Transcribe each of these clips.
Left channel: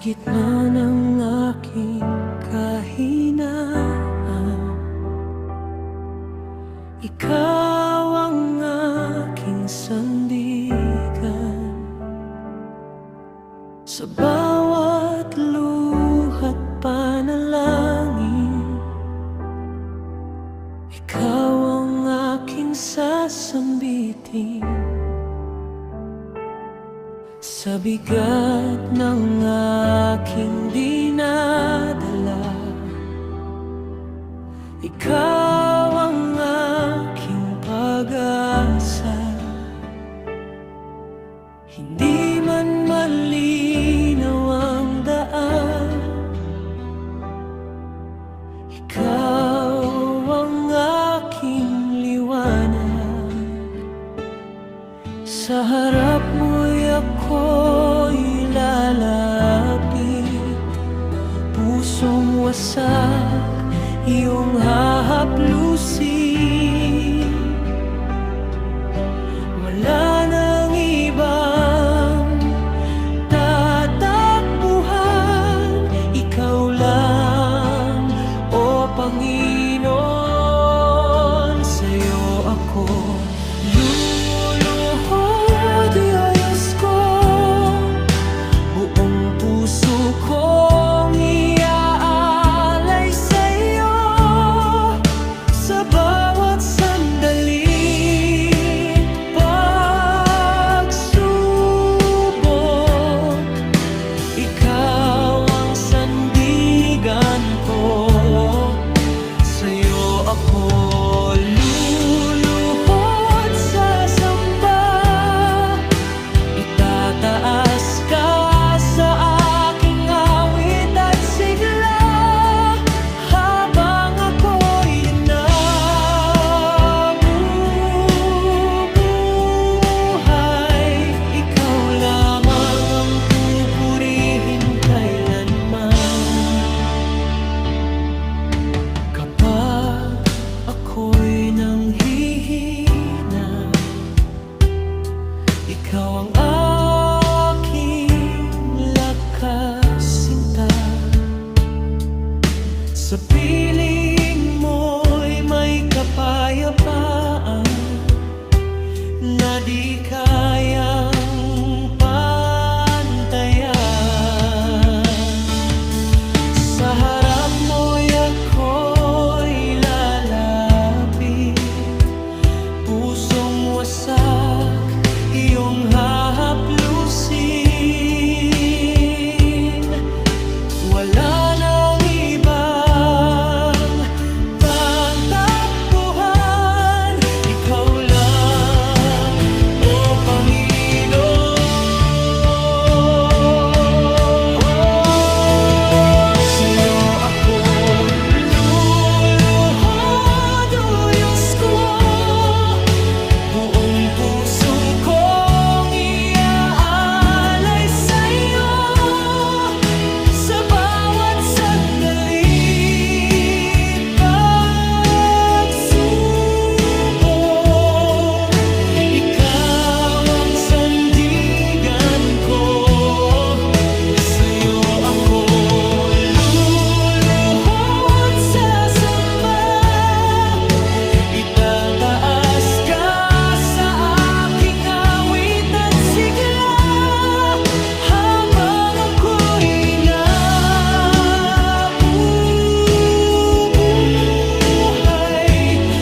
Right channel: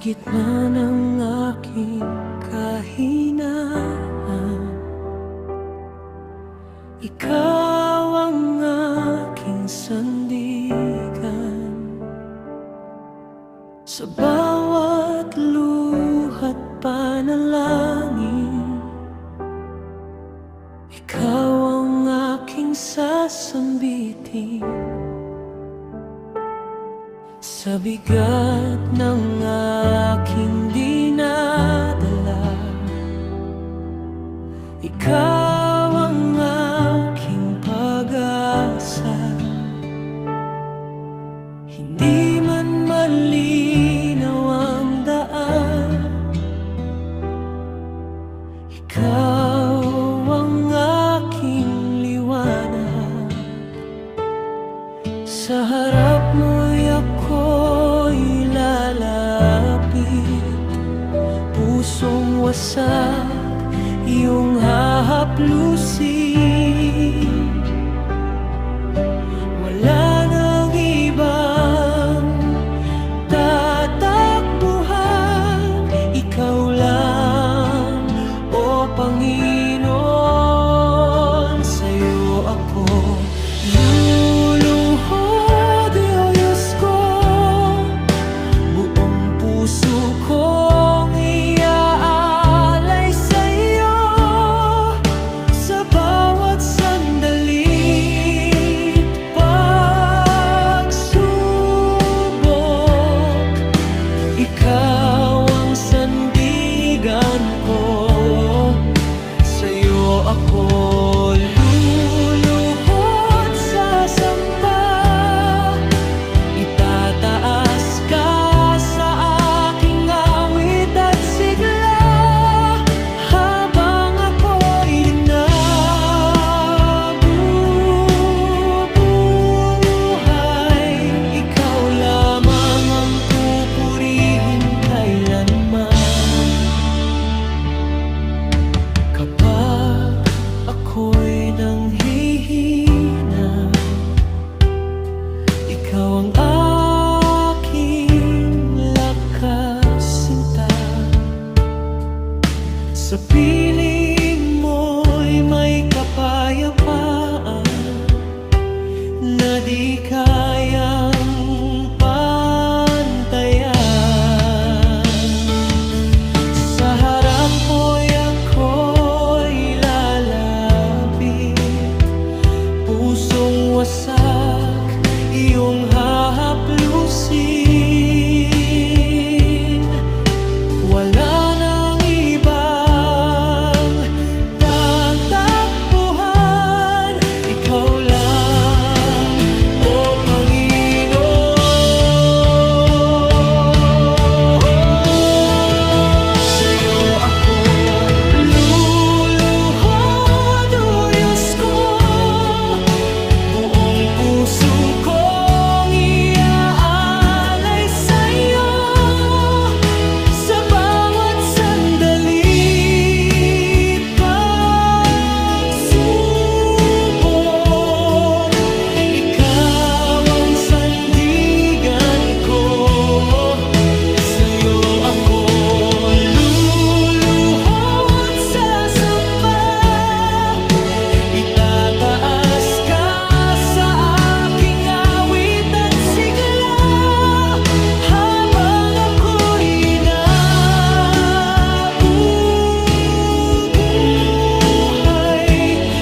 gitna ng aking kahinaan, ikaw ang aking sandigan. Sa bawat luha't panalangin, ikaw ang aking sasambitin. Sa bigat ng aking dinadala, ikaw ang aking pag-asa. Hindi man malinaw ang daan, ikaw ang aking liwanag. Sa harap mo'y ako'y lalapit, pusong wasak iyong hahaplusin. Wala nang ibang tatakbuhan, ikaw lang, o Panginoon. Sa'yo ako luluhod, Diyos ko, buong puso kong iaalay sa'yo. Sa bawat sandali, pagsubok, ikaw ang sandigan ko. Sa'yo ako luluhod sa samba, itataas ka sa aking awit at sigla. Habang ako'y nabubuhay, ikaw lamang ang pupurihin kailanman. Kapag ako'y nanghihina, ikaw ang aking lakas sinta. Sa piling mo'y may kapayapaan na di kayang pantayan. Sa harap mo'y ako'y lalapit, pusong wasak iyong hahaplusin. Wala nang ibang tatakbuhan, ikaw lang, o Panginoon. Sa'yo ako luluhod, o Diyos ko, buong puso kong iaalay sa'yo. Sa bawat sandali't pagsubok, ikaw ang sandigan ko. Sa'yo ako luluhod sa samba, itataas ka sa aking awit at sigla. Habang ako'y nabubuhay,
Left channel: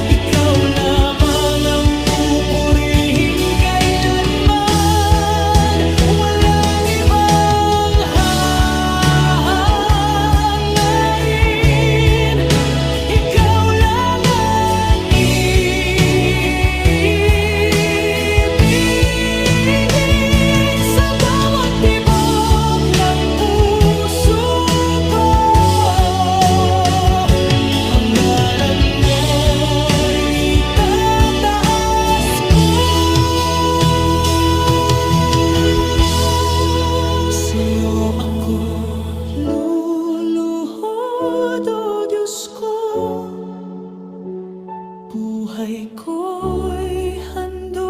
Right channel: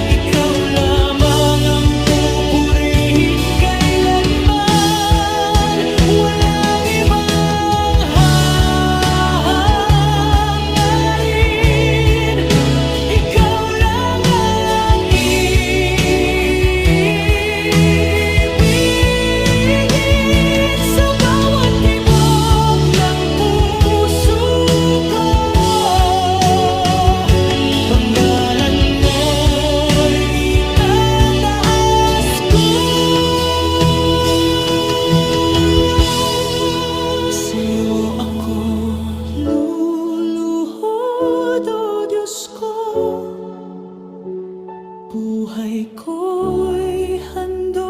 ikaw lamang ang pupurihin kailanman. Walang ibang hahangarin, ikaw lang ang ibigin. Sa bawat tibok ng puso ko, panggalan mo'y itataas ko. Sa'yo ako luluhod, o Diyos ko, buhay ko'y handog.